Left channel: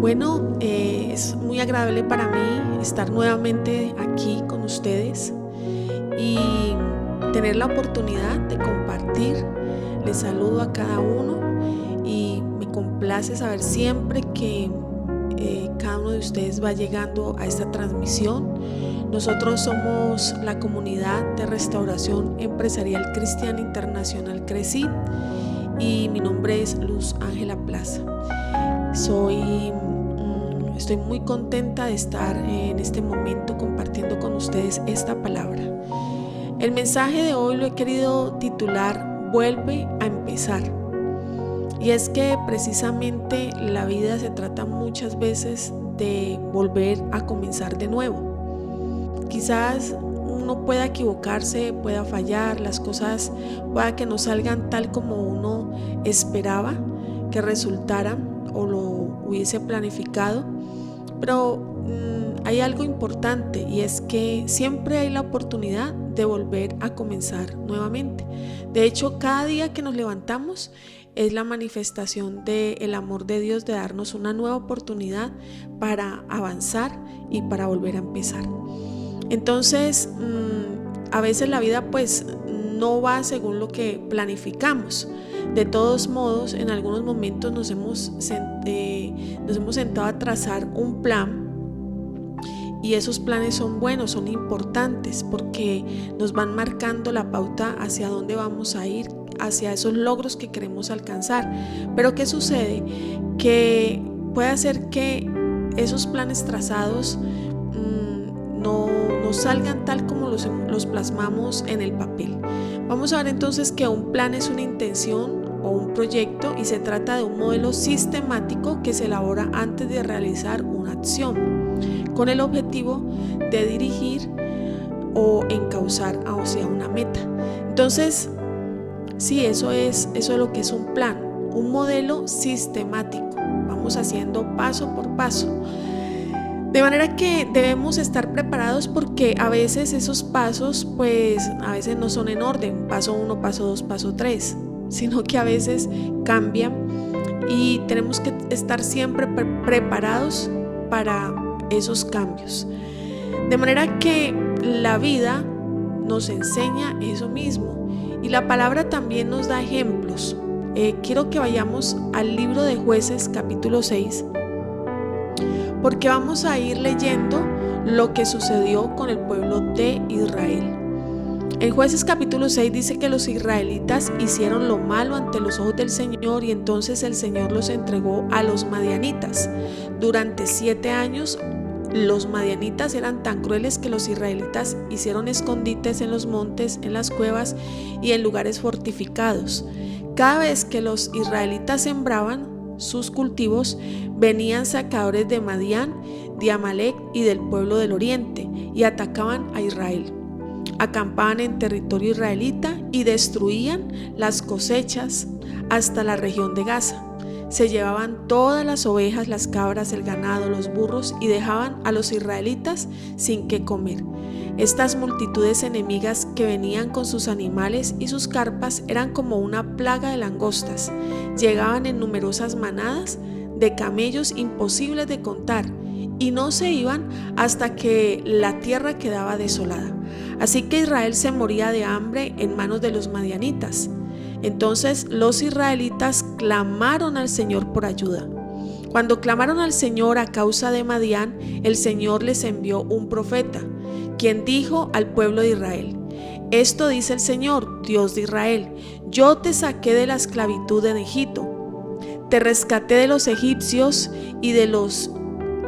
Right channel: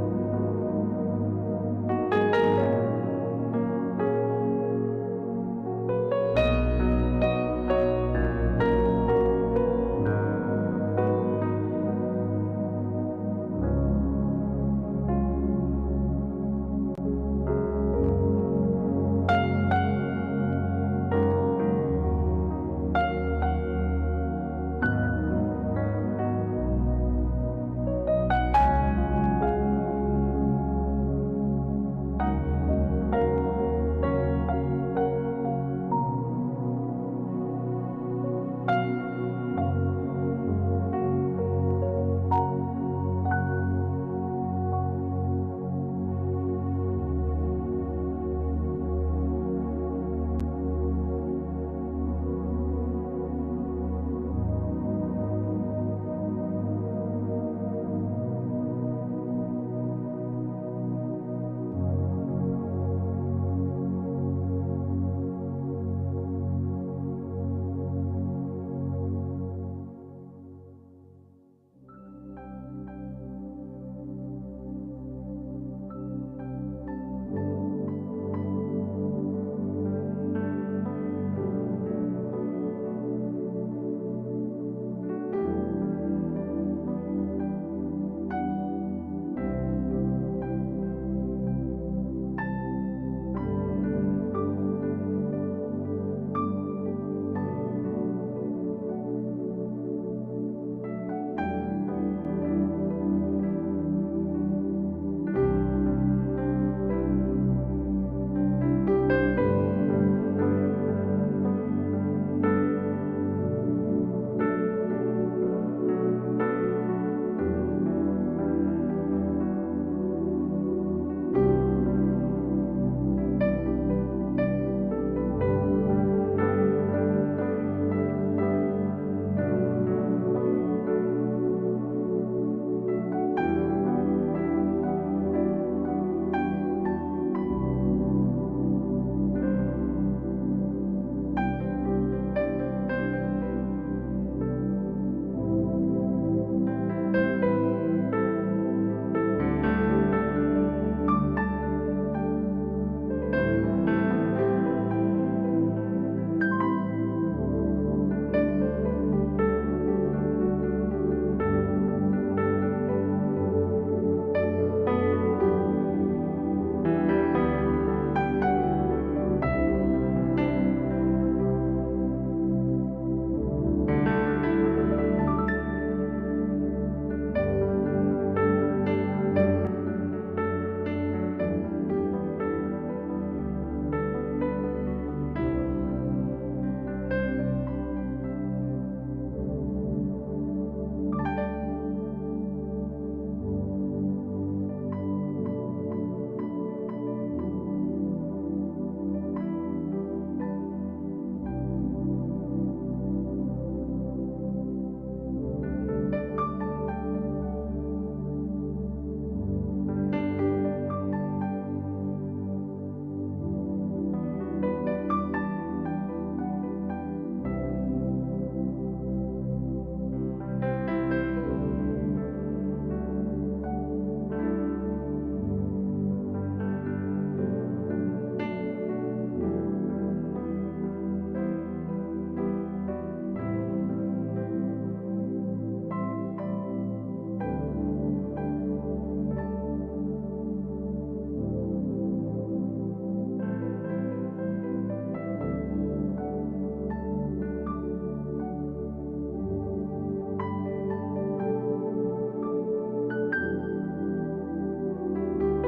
Bueno, es muy agradable para mí estar nuevamente aquí con ustedes y tener la oportunidad de compartir. Les saludo a cada uno y me complace saber siempre que cada uno de ustedes va llegando a esta transmisión. Nosotros somos la comunidad de restauración empresarial cristiana internacional CRECI y mi nombre es Luz Ángela Plaza. Estoy muy contenta de estar en este momento compartiendo con ustedes esta palabra. El mensaje de hoy lo he querido titular Vuelve a empezar. Y es que precisamente la vida se trata muchas veces de volver a comenzar de nuevo. Quizás uno pueda equivocarse, pueda fallar, las cosas pueda que no salgan tal como uno esperaba que resultaran o lo hubiese planificado, pero hay algo importante y es que siempre hay la oportunidad de volver a comenzar nuevamente. De hecho, cada día que nos levantamos es la manifestación del amor de Dios de darnos una nueva oportunidad para avanzar y para volver a empezar. Entonces, a veces la vida pues no va según lo que planificamos. De todos modos, en algunos momentos nos hemos sentado a trazar un plan y esos planes son buenos, son importantes porque nos van marcando la pauta hacia dónde vamos a ir, hacia esos logros que queremos alcanzar. Pero ¿qué sucede? Que puede hacer que esos planes trazados no salgan tal como los plasmamos en el papel. Vamos a ver entonces que un plan es una intención o un proyecto y se trata de un modelo sistemático que se elabora antes de realizar una acción con el objetivo de dirigir o encauzar hacia una meta. Entonces, sí, eso es lo que es un plan, un modelo sistemático. Vamos haciendo paso por paso. De manera que debemos estar preparados porque a veces esos pasos pues a veces no son en orden, paso 1, paso 2, paso 3, sino que a veces cambian y tenemos que estar siempre preparados para esos cambios. De manera que la vida nos enseña eso mismo y la palabra también nos da ejemplos. Quiero que vayamos al libro de Jueces capítulo 6. Porque vamos a ir leyendo lo que sucedió con el pueblo de Israel. En Jueces capítulo 6 dice que los israelitas hicieron lo malo ante los ojos del Señor y entonces el Señor los entregó a los madianitas. Durante 7 años los madianitas eran tan crueles que los israelitas hicieron escondites en los montes, en las cuevas y en lugares fortificados. Cada vez que los israelitas sembraban sus cultivos, venían sacadores de Madián, de Amalec y del pueblo del oriente y atacaban a Israel. Acampaban en territorio israelita y destruían las cosechas hasta la región de Gaza. Se llevaban todas las ovejas, las cabras, el ganado, los burros y dejaban a los israelitas sin qué comer. Estas multitudes enemigas que venían con sus animales y sus carpas eran como una plaga de langostas. Llegaban en numerosas manadas de camellos imposibles de contar y no se iban hasta que la tierra quedaba desolada. Así que Israel se moría de hambre en manos de los madianitas. Entonces los israelitas clamaron al Señor por ayuda. Cuando clamaron al Señor a causa de Madián, el Señor les envió un profeta, quien dijo al pueblo de Israel: esto dice el Señor, Dios de Israel: yo te saqué de la esclavitud en Egipto, te rescaté de los egipcios y de los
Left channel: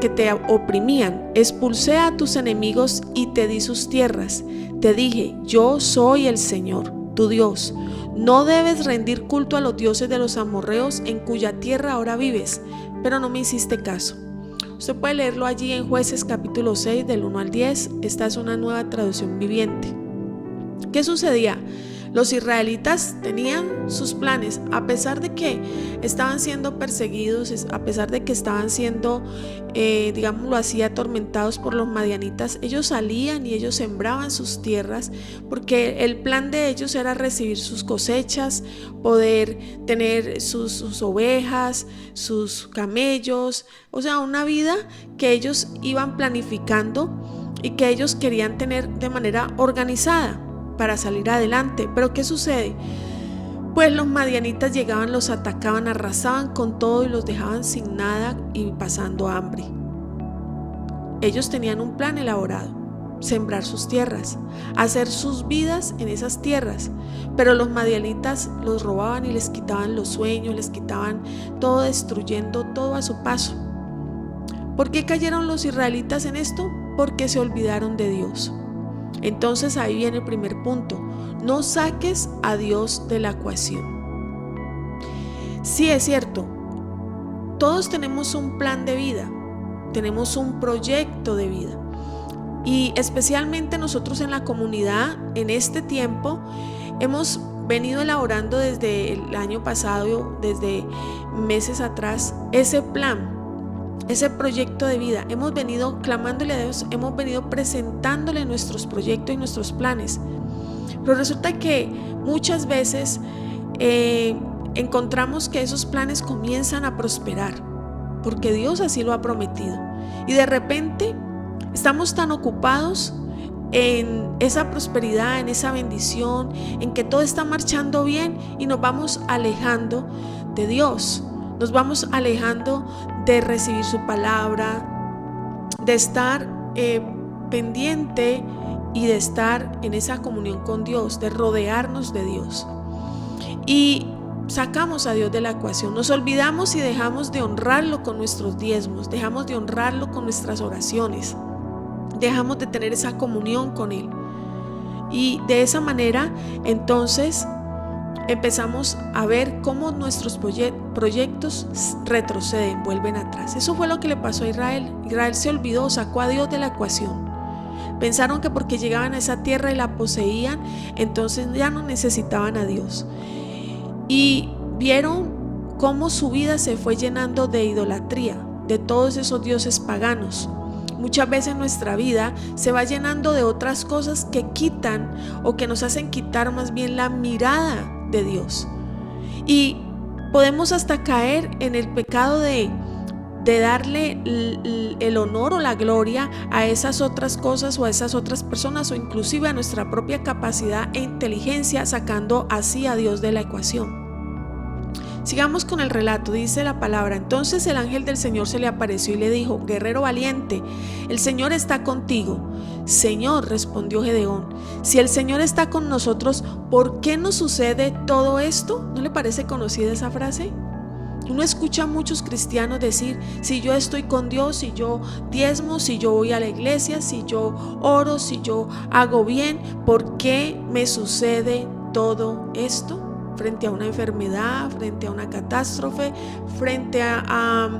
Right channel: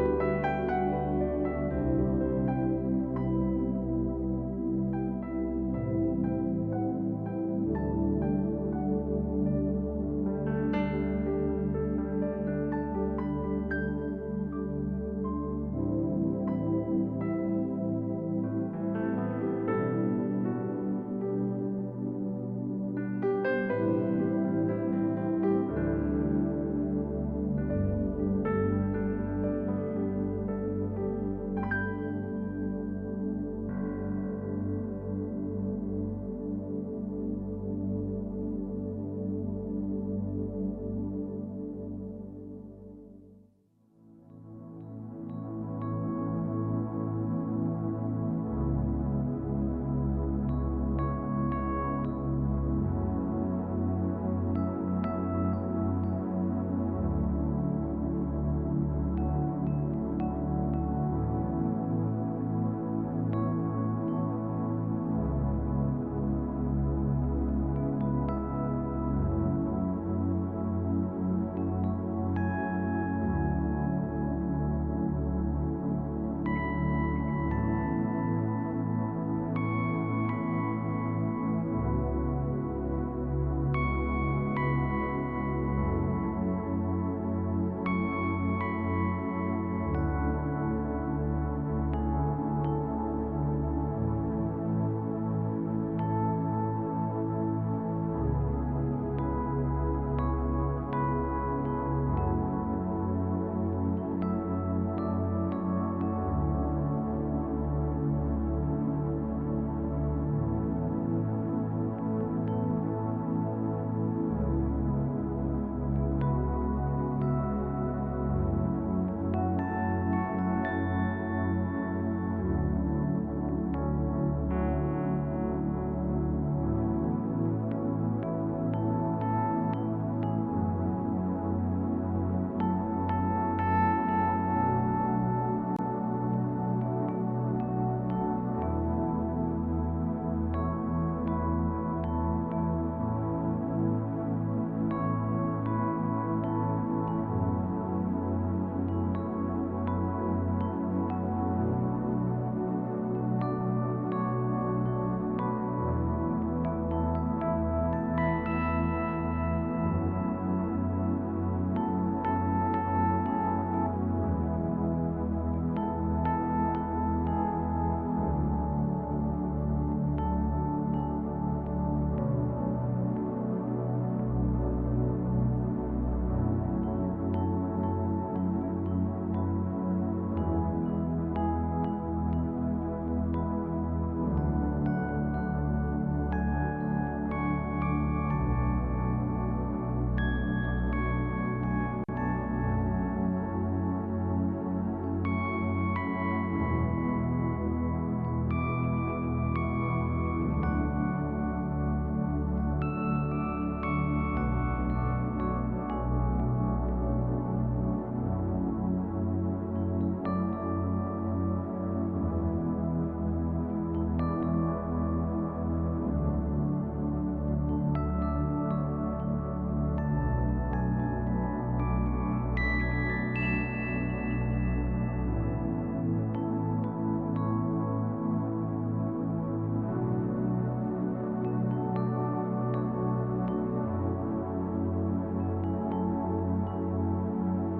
que te oprimían, expulsé a tus enemigos y te di sus tierras. Te dije: yo soy el Señor, tu Dios. No debes rendir culto a los dioses de los amorreos en cuya tierra ahora vives, pero no me hiciste caso. Usted puede leerlo allí en Jueces capítulo 6 del 1 al 10. Esta es una nueva traducción viviente. ¿Qué sucedía? Los israelitas tenían sus planes, a pesar de que estaban siendo perseguidos, a pesar de que estaban siendo, digámoslo así, atormentados por los madianitas. Ellos salían y ellos sembraban sus tierras, porque el plan de ellos era recibir sus cosechas, poder tener sus ovejas, sus camellos, o sea, una vida que ellos iban planificando y que ellos querían tener de manera organizada para salir adelante. Pero ¿qué sucede? Pues los madianitas llegaban, los atacaban, arrasaban con todo y los dejaban sin nada y pasando hambre. Ellos tenían un plan elaborado: sembrar sus tierras, hacer sus vidas en esas tierras, pero los madianitas los robaban y les quitaban los sueños, les quitaban todo, destruyendo todo a su paso. ¿Por qué cayeron los israelitas en esto? Porque se olvidaron de Dios. Entonces ahí viene el primer punto: no saques a Dios de la ecuación. Sí, es cierto, todos tenemos un plan de vida, tenemos un proyecto de vida, y especialmente nosotros en la comunidad en este tiempo hemos venido elaborando desde el año pasado, desde meses atrás, ese plan, ese proyecto de vida. Hemos venido clamándole a Dios, hemos venido presentándole nuestros proyectos y nuestros planes, pero resulta que muchas veces encontramos que esos planes comienzan a prosperar porque Dios así lo ha prometido, y de repente estamos tan ocupados en esa prosperidad, en esa bendición, en que todo está marchando bien, y nos vamos alejando de Dios, nos vamos alejando de recibir su palabra, de estar pendiente y de estar en esa comunión con Dios, de rodearnos de Dios, y sacamos a Dios de la ecuación. Nos olvidamos y dejamos de honrarlo con nuestros diezmos, dejamos de honrarlo con nuestras oraciones, dejamos de tener esa comunión con Él, y de esa manera entonces empezamos a ver cómo nuestros proyectos retroceden, vuelven atrás. Eso fue lo que le pasó a Israel. Israel se olvidó, sacó a Dios de la ecuación. Pensaron que porque llegaban a esa tierra y la poseían, entonces ya no necesitaban a Dios, y vieron cómo su vida se fue llenando de idolatría, de todos esos dioses paganos. Muchas veces nuestra vida se va llenando de otras cosas que quitan, o que nos hacen quitar más bien la mirada de Dios, y podemos hasta caer en el pecado de darle el honor o la gloria a esas otras cosas o a esas otras personas, o inclusive a nuestra propia capacidad e inteligencia, sacando así a Dios de la ecuación. Sigamos con el relato. Dice la palabra: entonces el ángel del Señor se le apareció y le dijo: guerrero valiente, el Señor está contigo. Señor, respondió Gedeón, si el Señor está con nosotros, ¿por qué nos sucede todo esto? ¿No le parece conocida esa frase? Uno escucha a muchos cristianos decir: si yo estoy con Dios, si yo diezmo, si yo voy a la iglesia, si yo oro, si yo hago bien, ¿por qué me sucede todo esto? Frente a una enfermedad, frente a una catástrofe, frente a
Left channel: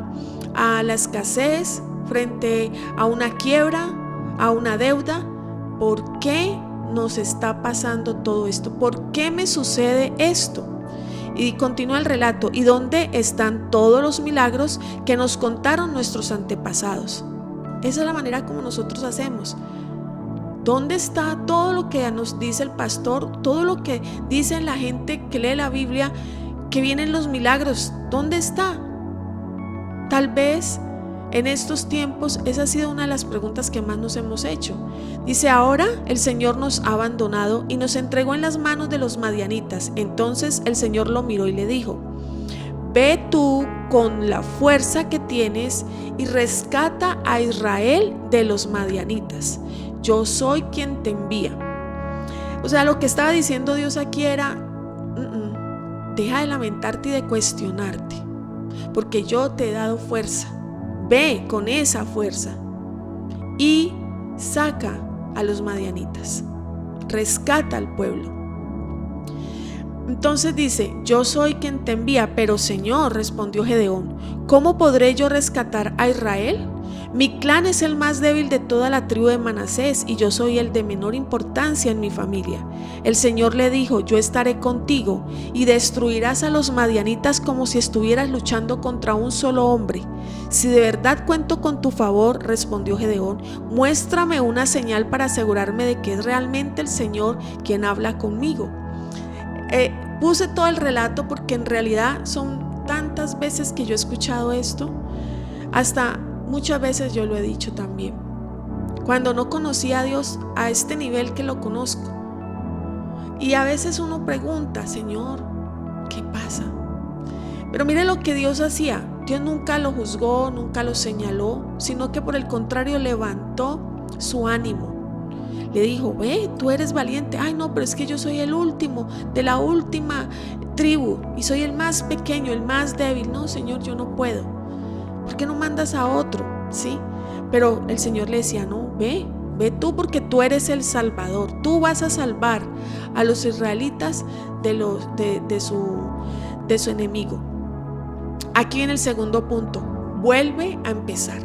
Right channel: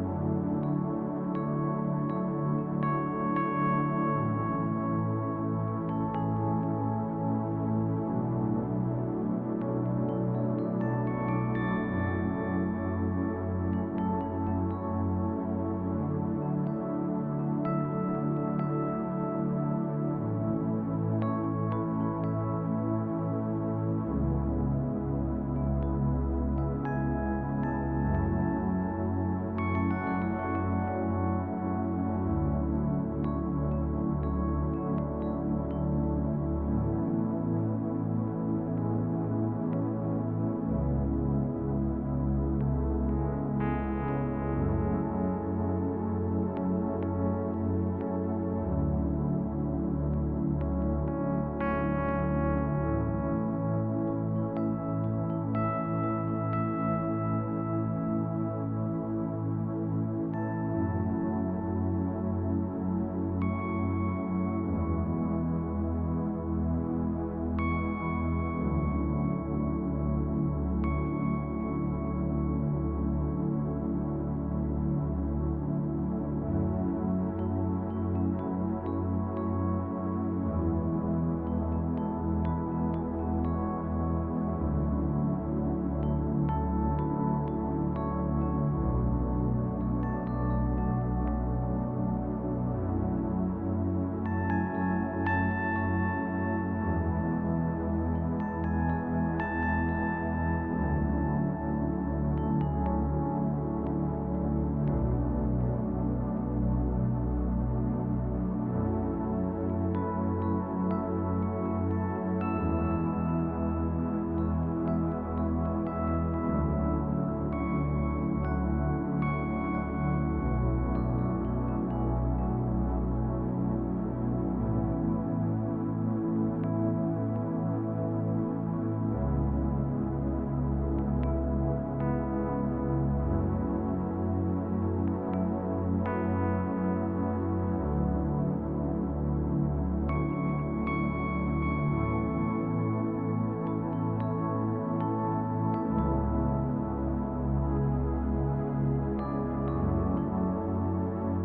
la escasez, frente a una quiebra, a una deuda. ¿Por qué nos está pasando todo esto? ¿Por qué me sucede esto? Y continúa el relato: ¿y dónde están todos los milagros que nos contaron nuestros antepasados? Esa es la manera como nosotros hacemos. ¿Dónde está todo lo que nos dice el pastor? Todo lo que dice la gente que lee la Biblia, que vienen los milagros. ¿Dónde está? Tal vez en estos tiempos esa ha sido una de las preguntas que más nos hemos hecho. Dice: ahora el Señor nos ha abandonado y nos entregó en las manos de los madianitas. Entonces el Señor lo miró y le dijo: ve tú con la fuerza que tienes y rescata a Israel de los madianitas. Yo soy quien te envía. O sea, lo que estaba diciendo Dios aquí era: deja de lamentarte y de cuestionarte, porque yo te he dado fuerza. Ve con esa fuerza y saca a los madianitas, rescata al pueblo. Entonces dice: yo soy quien te envía. Pero Señor, respondió Gedeón, ¿cómo podré yo rescatar a Israel? Mi clan es el más débil de toda la tribu de Manasés y yo soy el de menor importancia en mi familia. El Señor le dijo: yo estaré contigo y destruirás a los madianitas como si estuvieras luchando contra un solo hombre. Si de verdad cuento con tu favor, respondió Gedeón, muéstrame una señal para asegurarme de que es realmente el Señor quien habla conmigo. Puse todo el relato porque en realidad son tantas veces que yo he escuchado esto, hasta muchas veces yo lo he dicho también, cuando no conocía a Dios a este nivel que lo conozco. Y a veces uno pregunta: Señor, ¿qué pasa? Pero mire lo que Dios hacía. Dios nunca lo juzgó, nunca lo señaló, sino que por el contrario levantó su ánimo. Le dijo: ve, tú eres valiente. Ay, no, pero es que yo soy el último de la última tribu y soy el más pequeño, el más débil. No, Señor, yo no puedo. ¿Por qué no mandas a otro? Sí, pero el Señor le decía: no, ve tú, porque tú eres el Salvador. Tú vas a salvar a los israelitas de su enemigo. Aquí viene el segundo punto: vuelve a empezar.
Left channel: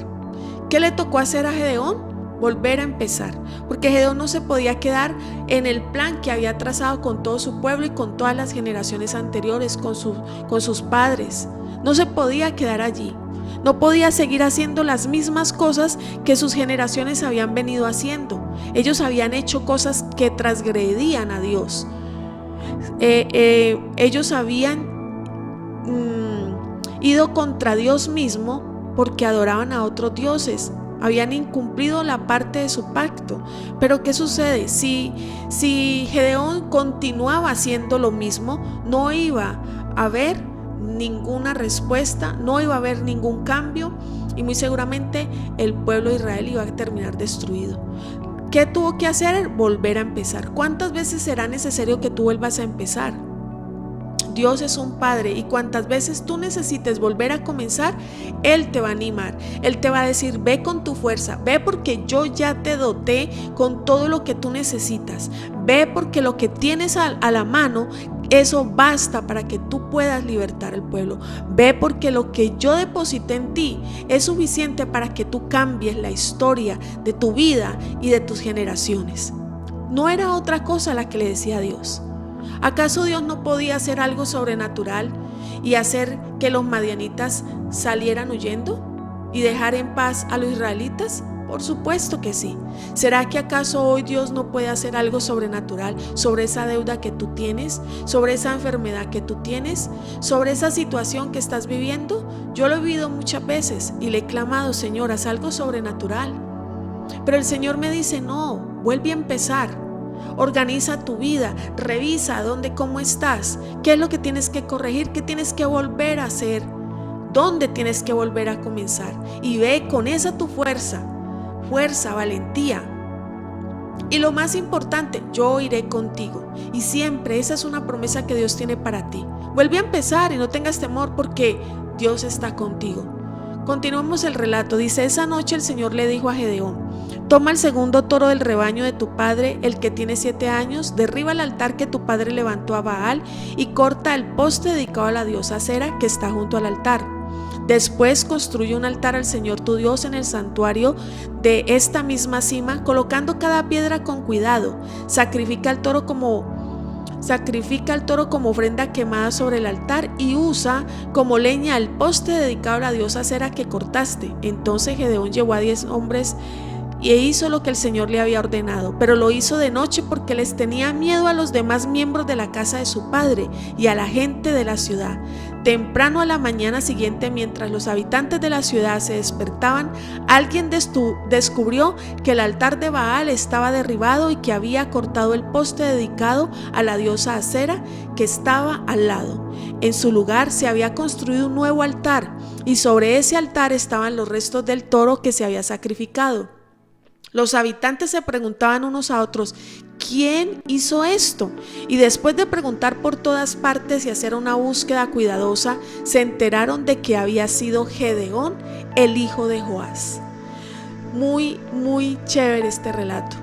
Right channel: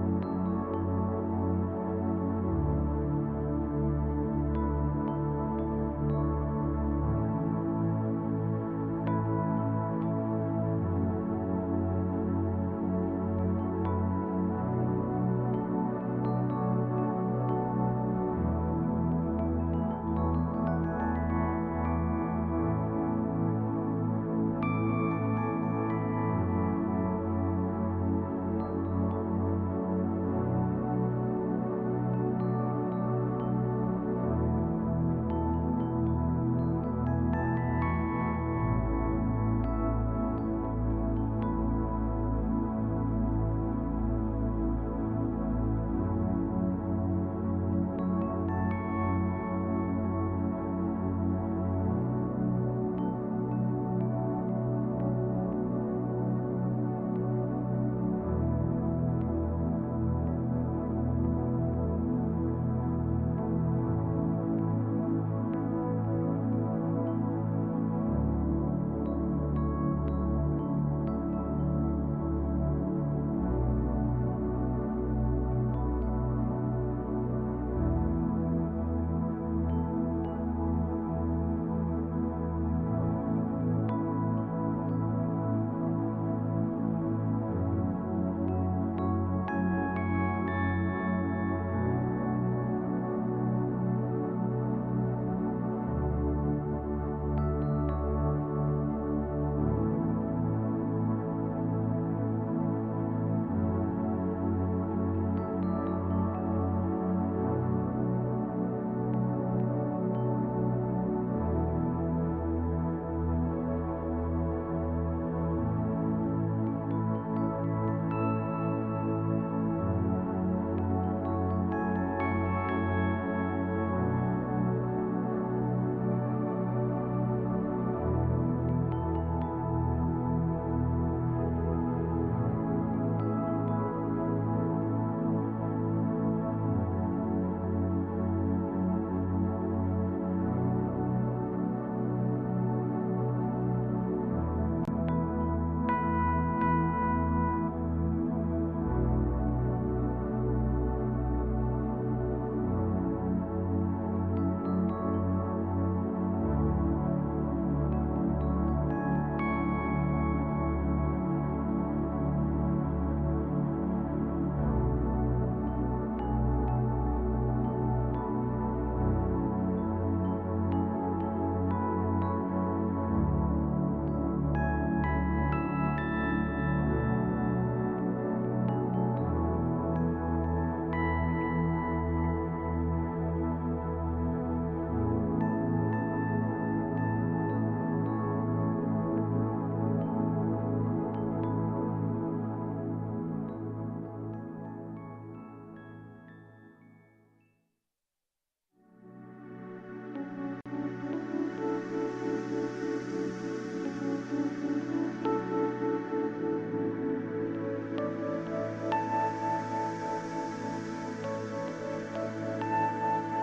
¿Qué le tocó hacer a Gedeón? Volver a empezar, porque Gedeón no se podía quedar en el plan que había trazado con todo su pueblo y con todas las generaciones anteriores, con sus padres. No se podía quedar allí. No podía seguir haciendo las mismas cosas que sus generaciones habían venido haciendo. Ellos habían hecho cosas que transgredían a Dios. Ellos habían ido contra Dios mismo porque adoraban a otros dioses. Habían incumplido la parte de su pacto. Pero ¿qué sucede? Si Gedeón continuaba haciendo lo mismo, no iba a haber ninguna respuesta, no iba a haber ningún cambio y muy seguramente el pueblo de Israel iba a terminar destruido. ¿Qué tuvo que hacer? Volver a empezar. ¿Cuántas veces será necesario que tú vuelvas a empezar? Dios es un padre y cuantas veces tú necesites volver a comenzar, Él te va a animar. Él te va a decir: ve con tu fuerza, ve porque yo ya te doté con todo lo que tú necesitas. Ve porque lo que tienes a la mano, eso basta para que tú puedas libertar al pueblo. Ve porque lo que yo deposité en ti es suficiente para que tú cambies la historia de tu vida y de tus generaciones. No era otra cosa la que le decía a Dios. ¿Acaso Dios no podía hacer algo sobrenatural y hacer que los madianitas salieran huyendo y dejar en paz a los israelitas? Por supuesto que sí. ¿Será que acaso hoy Dios no puede hacer algo sobrenatural sobre esa deuda que tú tienes, sobre esa enfermedad que tú tienes, sobre esa situación que estás viviendo? Yo lo he vivido muchas veces y le he clamado: Señor, haz algo sobrenatural. Pero el Señor me dice: no, vuelve a empezar. Organiza tu vida, revisa cómo estás, qué es lo que tienes que corregir, qué tienes que volver a hacer, dónde tienes que volver a comenzar, y ve con esa tu fuerza, valentía. Y lo más importante: yo iré contigo. Y siempre esa es una promesa que Dios tiene para ti. Vuelve a empezar y no tengas temor, porque Dios está contigo. Continuamos el relato. Dice: esa noche el Señor le dijo a Gedeón: toma el segundo toro del rebaño de tu padre, el que tiene 7 años, derriba el altar que tu padre levantó a Baal y corta el poste dedicado a la diosa Acera que está junto al altar. Después construye un altar al Señor tu Dios en el santuario de esta misma cima, colocando cada piedra con cuidado. Sacrifica al toro como ofrenda quemada sobre el altar y usa como leña el poste dedicado a la diosa Acera que cortaste. Entonces Gedeón llevó a 10 hombres y hizo lo que el Señor le había ordenado, pero lo hizo de noche porque les tenía miedo a los demás miembros de la casa de su padre y a la gente de la ciudad. Temprano a la mañana siguiente, mientras los habitantes de la ciudad se despertaban, alguien descubrió que el altar de Baal estaba derribado y que había cortado el poste dedicado a la diosa Acera que estaba al lado. En su lugar se había construido un nuevo altar y sobre ese altar estaban los restos del toro que se había sacrificado. Los habitantes se preguntaban unos a otros: ¿quién hizo esto? Y después de preguntar por todas partes y hacer una búsqueda cuidadosa, se enteraron de que había sido Gedeón, el hijo de Joás. Muy, muy chévere este relato.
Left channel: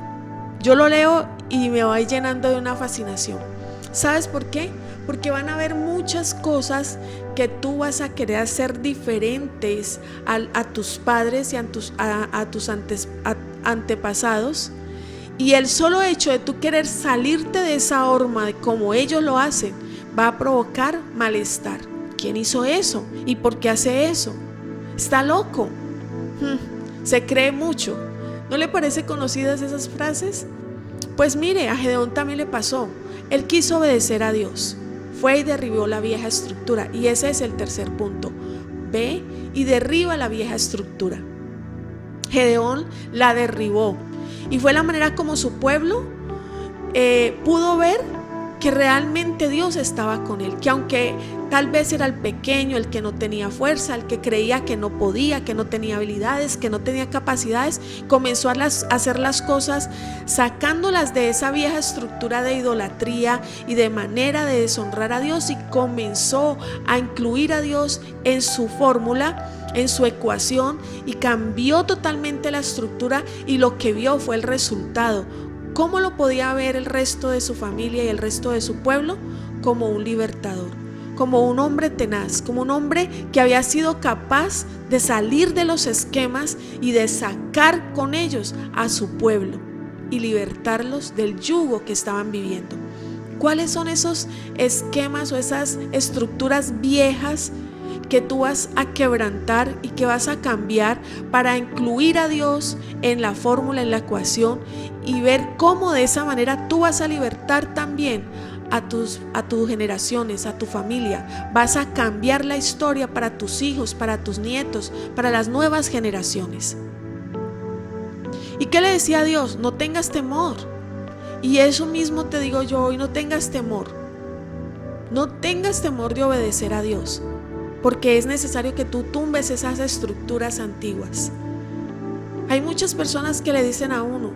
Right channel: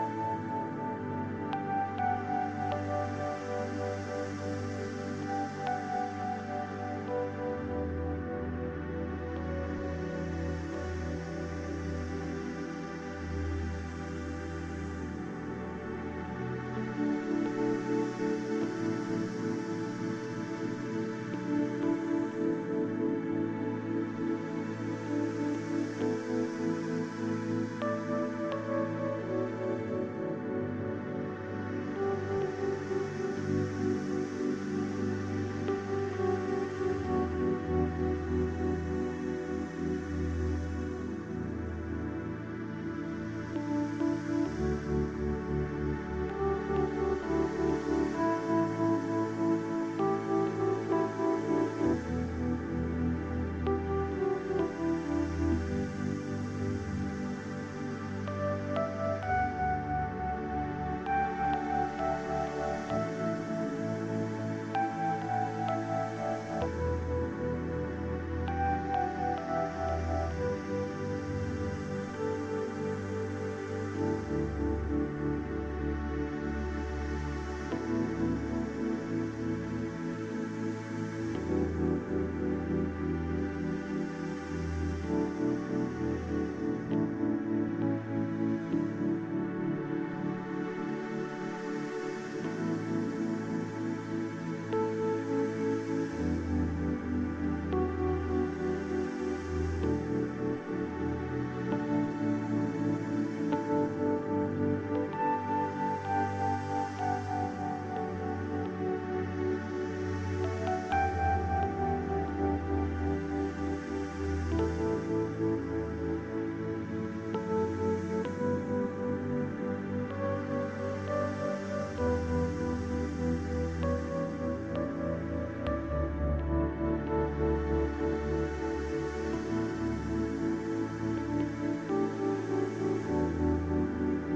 Yo lo leo y me voy llenando de una fascinación. ¿Sabes por qué? Porque van a haber muchos muchas cosas que tú vas a querer hacer diferentes a tus padres y a tus antepasados. Y el solo hecho de tú querer salirte de esa horma de como ellos lo hacen va a provocar malestar. ¿Quién hizo eso? ¿Y por qué hace eso? Está loco. Se cree mucho. ¿No le parece conocidas esas frases? Pues mire, a Gedeón también le pasó. Él quiso obedecer a Dios. Fue y derribó la vieja estructura. Y ese es el tercer punto. Ve y derriba la vieja estructura. Gedeón la derribó. Y fue la manera como su pueblo pudo ver que realmente Dios estaba con él, que aunque tal vez era el pequeño, el que no tenía fuerza, el que creía que no podía, que no tenía habilidades, que no tenía capacidades, comenzó a hacer las cosas sacándolas de esa vieja estructura de idolatría y de manera de deshonrar a Dios, y comenzó a incluir a Dios en su fórmula, en su ecuación, y cambió totalmente la estructura, y lo que vio fue el resultado. ¿Cómo lo podía ver el resto de su familia y el resto de su pueblo? Como un libertador, como un hombre tenaz, como un hombre que había sido capaz de salir de los esquemas y de sacar con ellos a su pueblo y libertarlos del yugo que estaban viviendo. ¿Cuáles son esos esquemas o esas estructuras viejas que tú vas a quebrantar y que vas a cambiar para incluir a Dios en la fórmula, en la ecuación, y ver cómo de esa manera tú vas a libertar también a tus generaciones, a tu familia? Vas a cambiar la historia para tus hijos, para tus nietos, para las nuevas generaciones. ¿Y qué le decía a Dios? No tengas temor. Y eso mismo te digo yo hoy: no tengas temor. No tengas temor de obedecer a Dios, porque es necesario que tú tumbes esas estructuras antiguas. Hay muchas personas que le dicen a uno:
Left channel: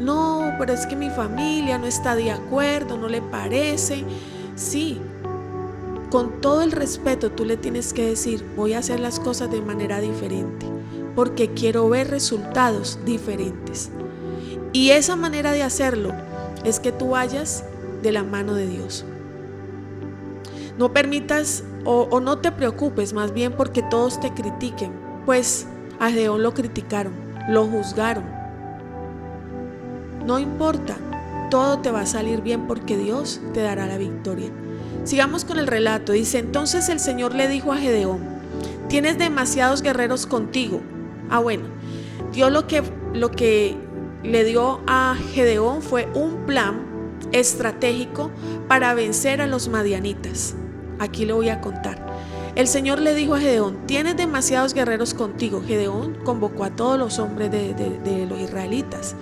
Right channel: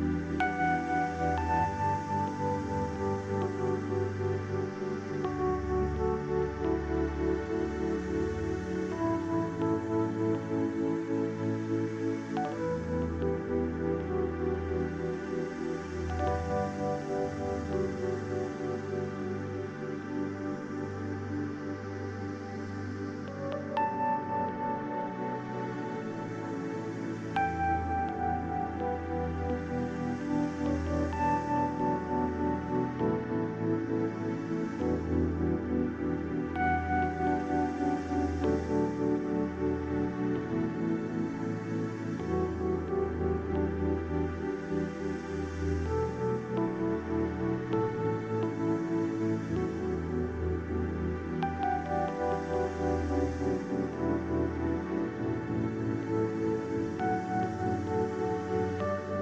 no, pero es que mi familia no está de acuerdo, no le parece. Sí, con todo el respeto tú le tienes que decir: voy a hacer las cosas de manera diferente, porque quiero ver resultados diferentes. Y esa manera de hacerlo es que tú vayas de la mano de Dios. No permitas o no te preocupes más bien porque todos te critiquen, pues a Gedeón lo criticaron, lo juzgaron. No importa, todo te va a salir bien porque Dios te dará la victoria. Sigamos con el relato. Dice: entonces el Señor le dijo a Gedeón: tienes demasiados guerreros contigo. Bueno, Dios lo que le dio a Gedeón fue un plan estratégico para vencer a los madianitas. Aquí le voy a contar. El Señor le dijo a Gedeón: tienes demasiados guerreros contigo. Gedeón convocó a todos los hombres de los israelitas,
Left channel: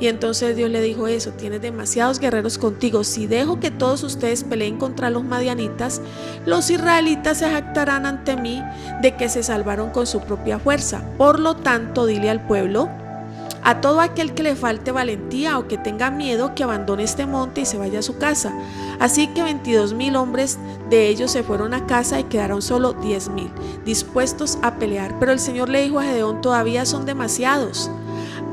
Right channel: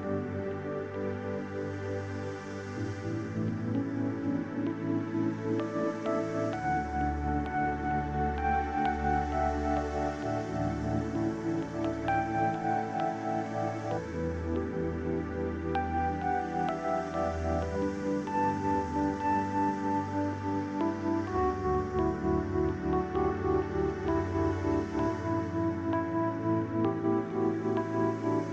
y entonces Dios le dijo eso: tienes demasiados guerreros contigo. Si dejo que todos ustedes peleen contra los madianitas, los israelitas se jactarán ante mí de que se salvaron con su propia fuerza. Por lo tanto, dile al pueblo, a todo aquel que le falte valentía o que tenga miedo, que abandone este monte y se vaya a su casa. Así que 22,000 hombres de ellos se fueron a casa y quedaron solo 10,000 dispuestos a pelear. Pero el Señor le dijo a Gedeón: todavía son demasiados.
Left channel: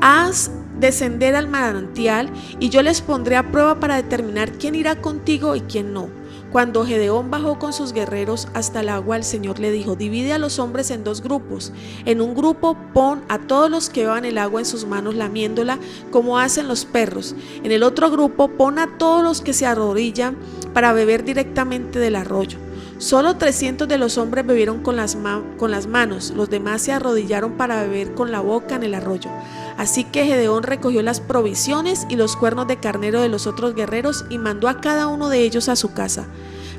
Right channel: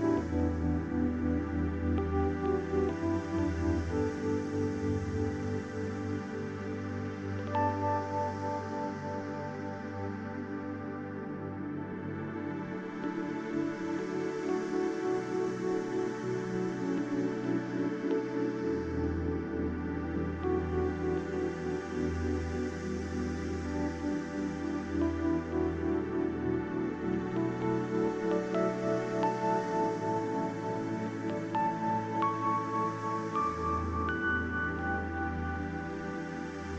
Haz descender al manantial y yo les pondré a prueba para determinar quién irá contigo y quién no. Cuando Gedeón bajó con sus guerreros hasta el agua, el Señor le dijo: divide a los hombres en 2 grupos. En un grupo pon a todos los que beban el agua en sus manos lamiéndola como hacen los perros. En el otro grupo pon a todos los que se arrodillan para beber directamente del arroyo. Solo 300 de los hombres bebieron con las manos, los demás se arrodillaron para beber con la boca en el arroyo. Así que Gedeón recogió las provisiones y los cuernos de carnero de los otros guerreros y mandó a cada uno de ellos a su casa.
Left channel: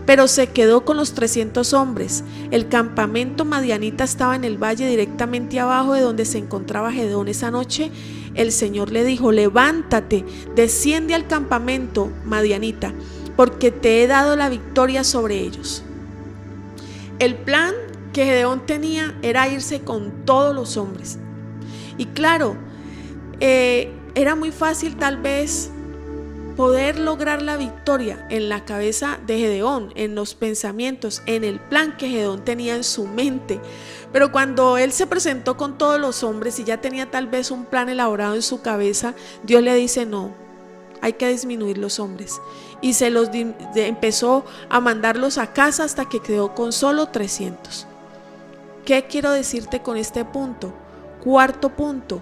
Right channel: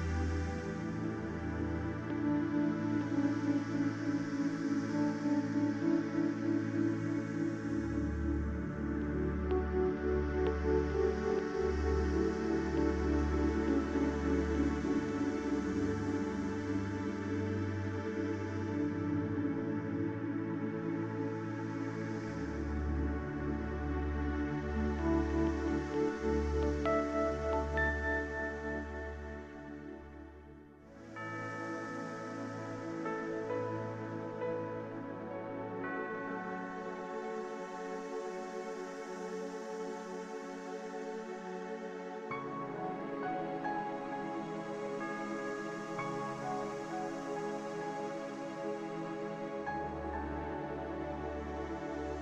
Pero se quedó con los 300 hombres. El campamento madianita estaba en el valle directamente abajo de donde se encontraba Gedeón. Esa noche el Señor le dijo: levántate, desciende al campamento madianita, porque te he dado la victoria sobre ellos. El plan que Gedeón tenía era irse con todos los hombres. Y claro, era muy fácil tal vez poder lograr la victoria en la cabeza de Gedeón, en los pensamientos, en el plan que Gedeón tenía en su mente. Pero cuando él se presentó con todos los hombres y ya tenía tal vez un plan elaborado en su cabeza, Dios le dice: no, hay que disminuir los hombres. Y empezó a mandarlos a casa hasta que quedó con solo 300. ¿Qué quiero decirte con este punto? Cuarto punto,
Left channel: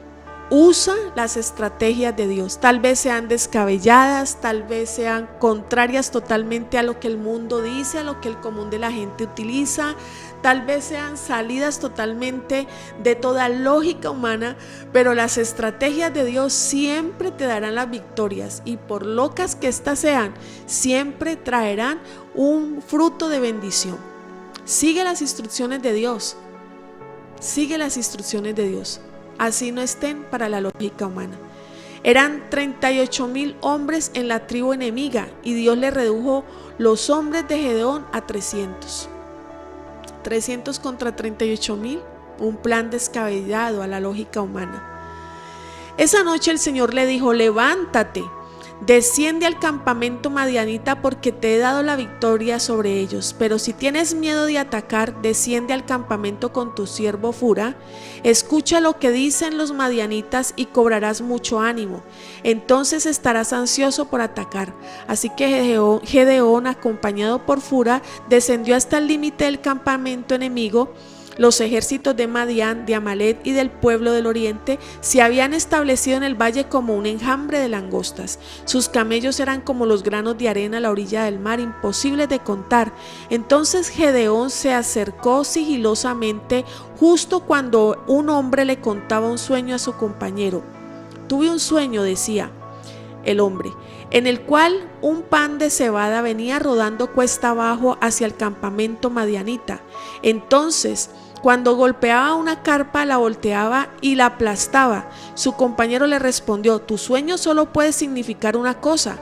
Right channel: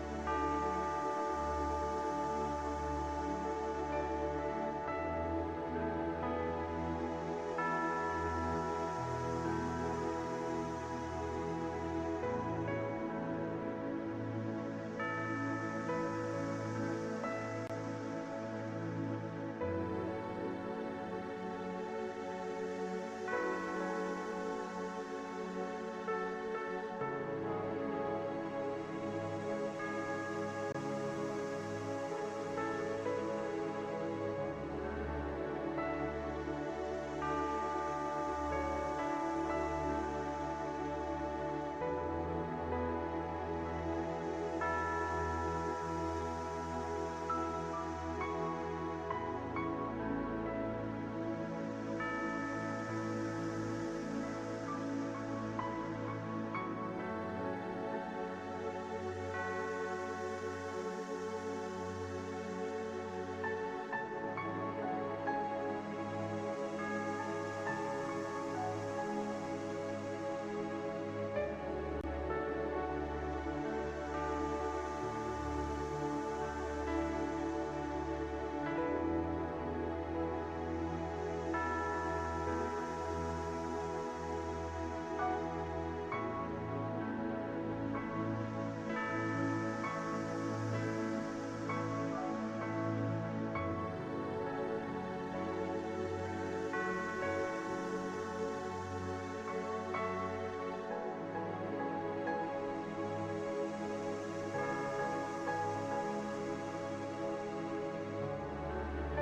usa las estrategias de Dios. Tal vez sean descabelladas, tal vez sean contrarias totalmente a lo que el mundo dice, a lo que el común de la gente utiliza, tal vez sean salidas totalmente de toda lógica humana, pero las estrategias de Dios siempre te darán las victorias, y por locas que éstas sean, siempre traerán un fruto de bendición. Sigue las instrucciones de Dios, sigue las instrucciones de Dios, así no estén para la lógica humana. Eran 38,000 hombres en la tribu enemiga, y Dios le redujo los hombres de Gedeón a 300. 300 contra 38,000, un plan descabellado a la lógica humana. Esa noche el Señor le dijo: levántate, desciende al campamento madianita, porque te he dado la victoria sobre ellos. Pero si tienes miedo de atacar, desciende al campamento con tu siervo Fura. Escucha lo que dicen los madianitas y cobrarás mucho ánimo. Entonces estarás ansioso por atacar. Así que Gedeón, acompañado por Fura, descendió hasta el límite del campamento enemigo. Los ejércitos de Madián, de Amalek y del pueblo del oriente se habían establecido en el valle como un enjambre de langostas. Sus camellos eran como los granos de arena a la orilla del mar, imposibles de contar. Entonces Gedeón se acercó sigilosamente justo cuando un hombre le contaba un sueño a su compañero. Tuve un sueño, decía el hombre, en el cual un pan de cebada venía rodando cuesta abajo hacia el campamento madianita. Entonces, cuando golpeaba una carpa, la volteaba y la aplastaba. Su compañero le respondió: tu sueño solo puede significar una cosa.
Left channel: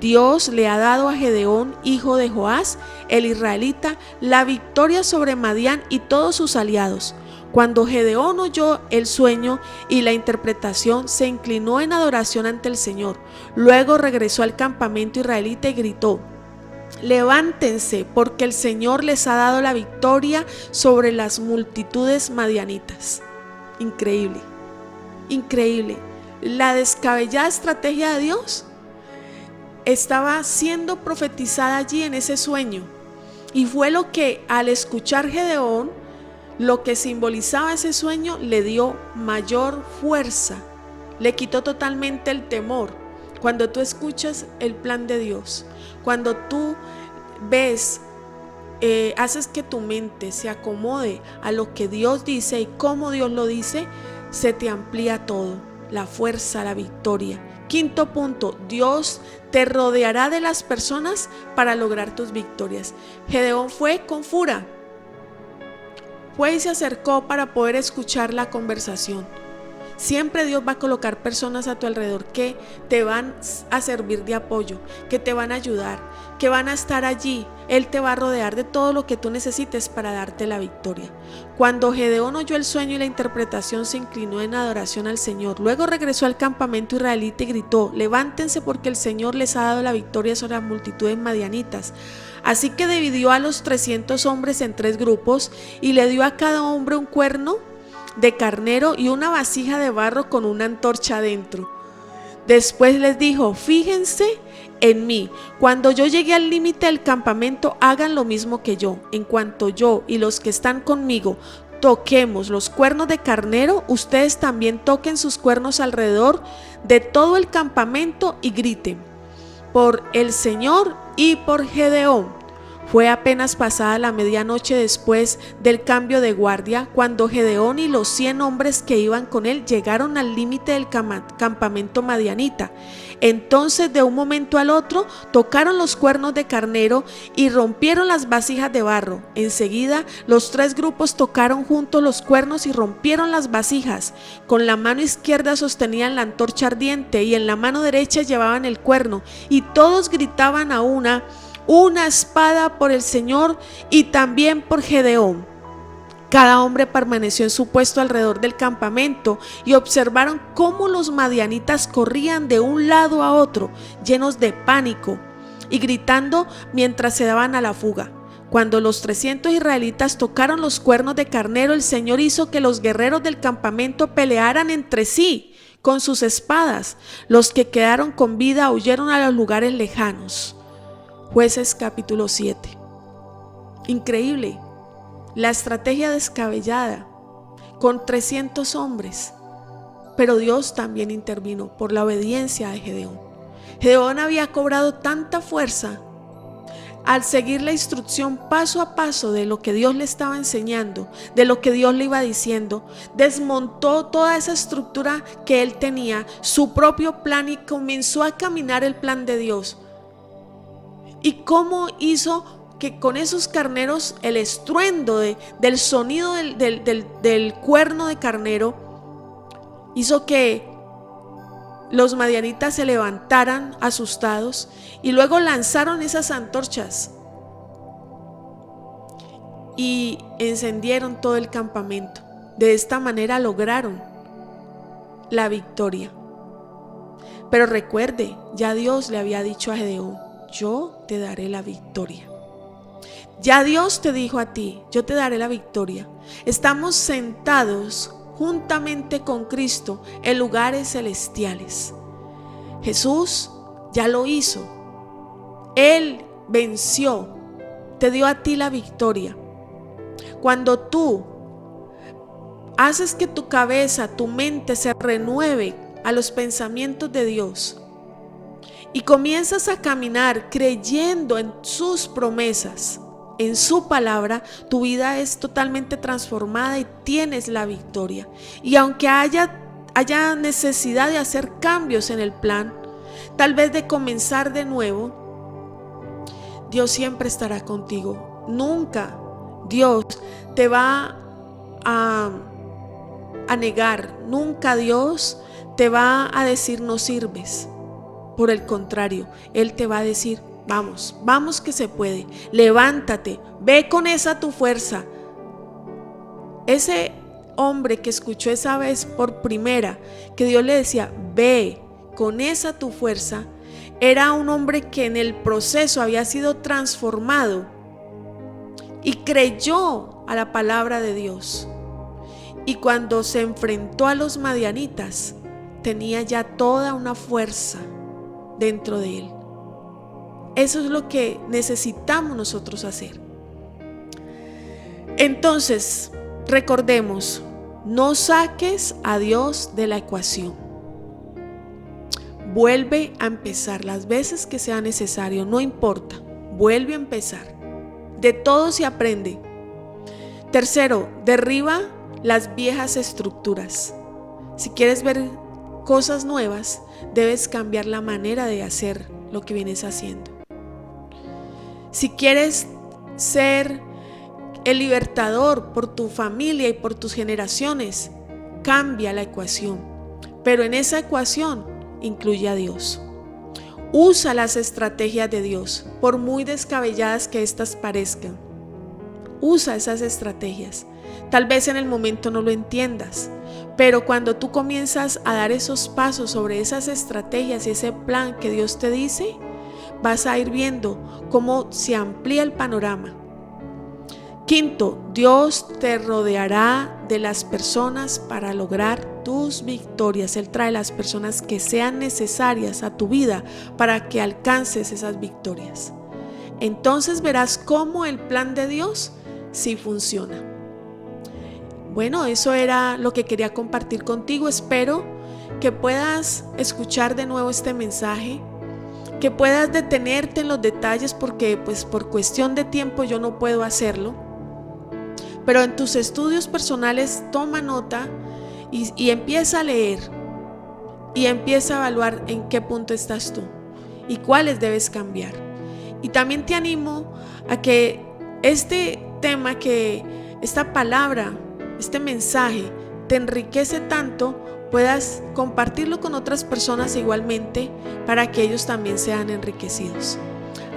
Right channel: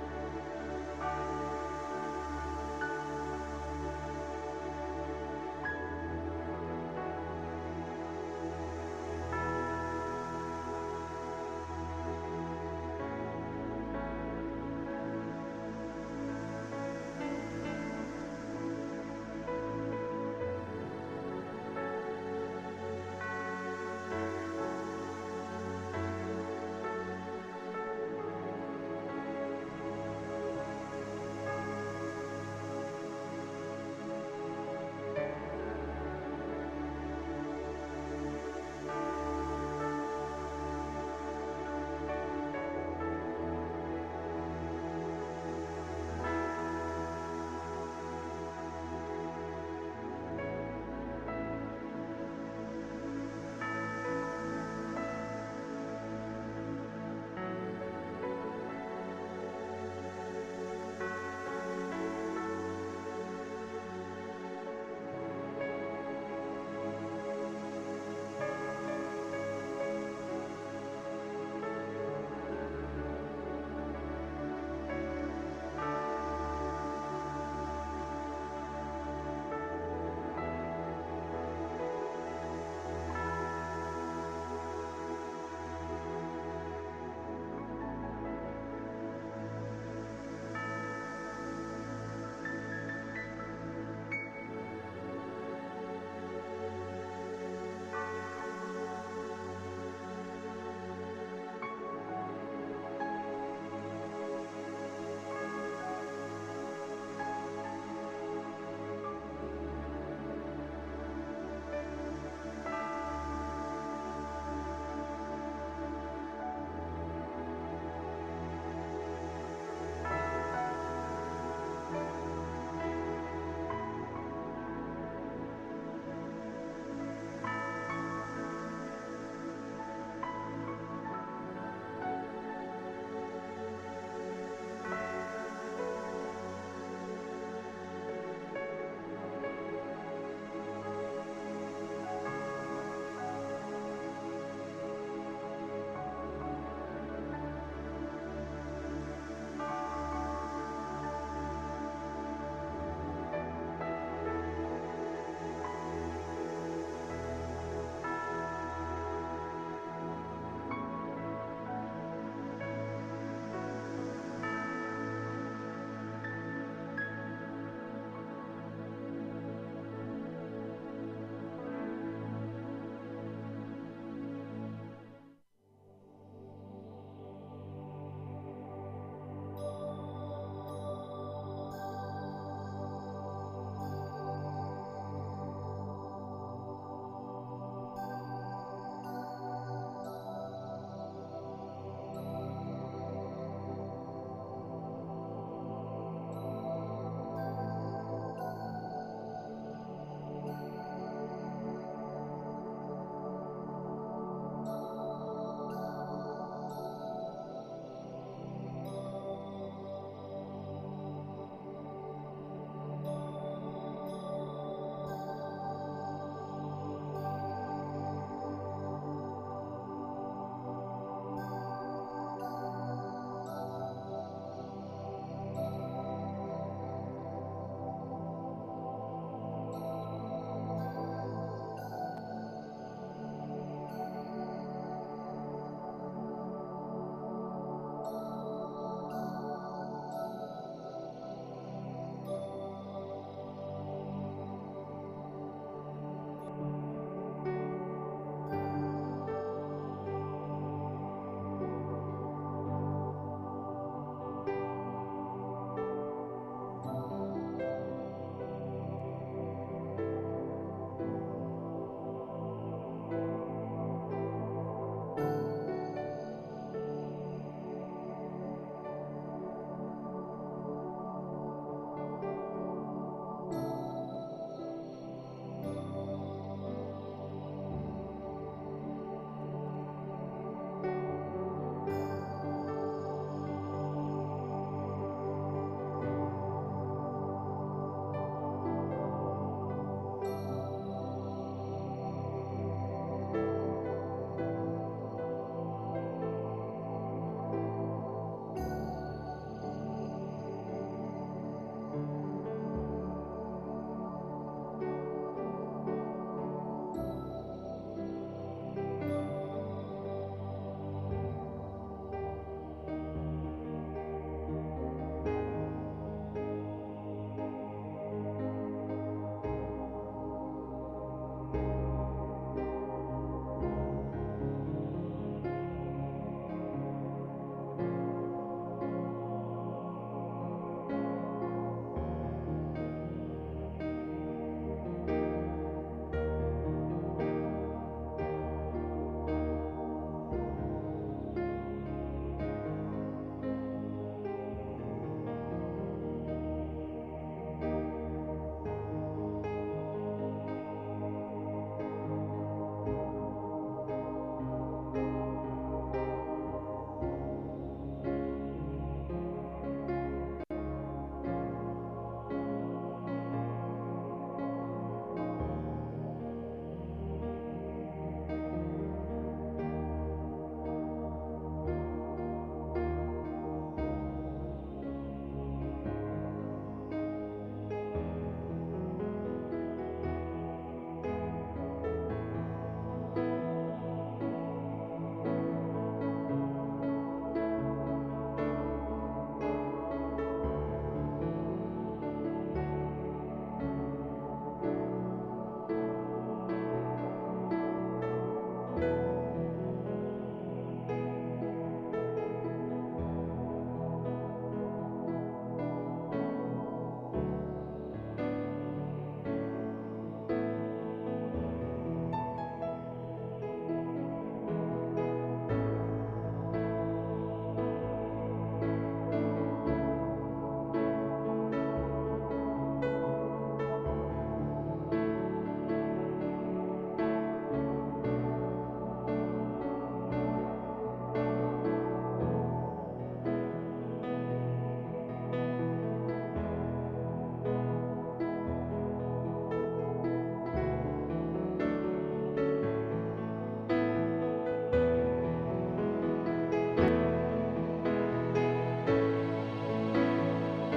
Dios le ha dado a Gedeón, hijo de Joás, el israelita, la victoria sobre Madián y todos sus aliados. Cuando Gedeón oyó el sueño y la interpretación, se inclinó en adoración ante el Señor. Luego regresó al campamento israelita y gritó: levántense, porque el Señor les ha dado la victoria sobre las multitudes madianitas. Increíble, increíble. La descabellada estrategia de Dios estaba siendo profetizada allí en ese sueño, y fue lo que, al escuchar Gedeón, lo que simbolizaba ese sueño, le dio mayor fuerza, le quitó totalmente el temor. Cuando tú escuchas el plan de Dios, cuando tú ves, haces que tu mente se acomode a lo que Dios dice y cómo Dios lo dice, se te amplía todo, la fuerza, la victoria. Quinto punto, Dios te rodeará de las personas para lograr tus victorias. Gedeón fue con Fura, fue y se acercó para poder escuchar la conversación. Siempre Dios va a colocar personas a tu alrededor que te van a servir de apoyo, que te van a ayudar, que van a estar allí. Él te va a rodear de todo lo que tú necesites para darte la victoria. Cuando Gedeón oyó el sueño y la interpretación, se inclinó en adoración al Señor. Luego regresó al campamento israelita y gritó: levántense, porque el Señor les ha dado la victoria sobre las multitudes madianitas. Así que dividió a los 300 hombres en 3 grupos y le dio a cada hombre un cuerno de carnero y una vasija de barro con una antorcha adentro. Después les dijo: fíjense en mí, cuando yo llegue al límite del campamento, hagan lo mismo que yo. En cuanto yo y los que están conmigo toquemos los cuernos de carnero, ustedes también toquen sus cuernos alrededor de todo el campamento y griten: por el Señor y por Gedeón. Fue apenas pasada la medianoche después del cambio de guardia, cuando Gedeón y los 100 hombres que iban con él llegaron al límite del campamento madianita. Entonces, de un momento al otro, tocaron los cuernos de carnero y rompieron las vasijas de barro. Enseguida, los 3 grupos tocaron juntos los cuernos y rompieron las vasijas. Con la mano izquierda sostenían la antorcha ardiente y en la mano derecha llevaban el cuerno, y todos gritaban a una espada por el Señor y también por Gedeón. Cada hombre permaneció en su puesto alrededor del campamento y observaron cómo los madianitas corrían de un lado a otro, llenos de pánico y gritando mientras se daban a la fuga. Cuando los 300 israelitas tocaron los cuernos de carnero, el Señor hizo que los guerreros del campamento pelearan entre sí con sus espadas. Los que quedaron con vida huyeron a los lugares lejanos. Jueces capítulo 7. Increíble, la estrategia descabellada con 300 hombres, pero Dios también intervino por la obediencia de Gedeón. Gedeón había cobrado tanta fuerza al seguir la instrucción paso a paso de lo que Dios le estaba enseñando, de lo que Dios le iba diciendo. Desmontó toda esa estructura que él tenía, su propio plan, y comenzó a caminar el plan de Dios. ¿Y cómo hizo que con esos carneros, el estruendo del sonido del cuerno de carnero, hizo que los madianitas se levantaran asustados y luego lanzaron esas antorchas y encendieron todo el campamento? De esta manera lograron la victoria. Pero recuerde, ya Dios le había dicho a Gedeón: yo te daré la victoria. Ya Dios te dijo a ti: yo te daré la victoria. Estamos sentados juntamente con Cristo en lugares celestiales. Jesús ya lo hizo. Él venció, te dio a ti la victoria. Cuando tú haces que tu cabeza, tu mente se renueve a los pensamientos de Dios y comienzas a caminar creyendo en sus promesas, en su palabra, tu vida es totalmente transformada y tienes la victoria. Y aunque haya necesidad de hacer cambios en el plan, tal vez de comenzar de nuevo, Dios siempre estará contigo. Nunca Dios te va a negar, nunca Dios te va a decir no sirves. Por el contrario, Él te va a decir: vamos, vamos que se puede, levántate, ve con esa tu fuerza. Ese hombre que escuchó esa vez por primera que Dios le decía: ve con esa tu fuerza, era un hombre que en el proceso había sido transformado y creyó a la palabra de Dios. Y cuando se enfrentó a los madianitas, tenía ya toda una fuerza dentro de él. Eso es lo que necesitamos nosotros hacer. Entonces, recordemos, no saques a Dios de la ecuación. Vuelve a empezar las veces que sea necesario, no importa, vuelve a empezar. De todo se aprende. Tercero, derriba las viejas estructuras. Si quieres ver cosas nuevas, debes cambiar la manera de hacer lo que vienes haciendo. Si quieres ser el libertador por tu familia y por tus generaciones, cambia la ecuación. Pero en esa ecuación incluye a Dios. Usa las estrategias de Dios, por muy descabelladas que éstas parezcan. Usa esas estrategias. Tal vez en el momento no lo entiendas, pero cuando tú comienzas a dar esos pasos sobre esas estrategias y ese plan que Dios te dice, vas a ir viendo cómo se amplía el panorama. Quinto, Dios te rodeará de las personas para lograr tus victorias. Él trae las personas que sean necesarias a tu vida para que alcances esas victorias. Entonces verás cómo el plan de Dios sí funciona. Bueno, eso era lo que quería compartir contigo. Espero que puedas escuchar de nuevo este mensaje, que puedas detenerte en los detalles, porque pues por cuestión de tiempo yo no puedo hacerlo. Pero en tus estudios personales toma nota y empieza a leer y empieza a evaluar en qué punto estás tú y cuáles debes cambiar. Y también te animo a que este tema, que esta palabra, este mensaje te enriquece tanto, puedas compartirlo con otras personas igualmente para que ellos también sean enriquecidos.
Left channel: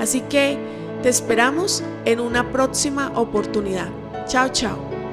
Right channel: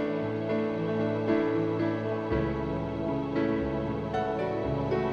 Así que te esperamos en una próxima oportunidad. Chao, chao.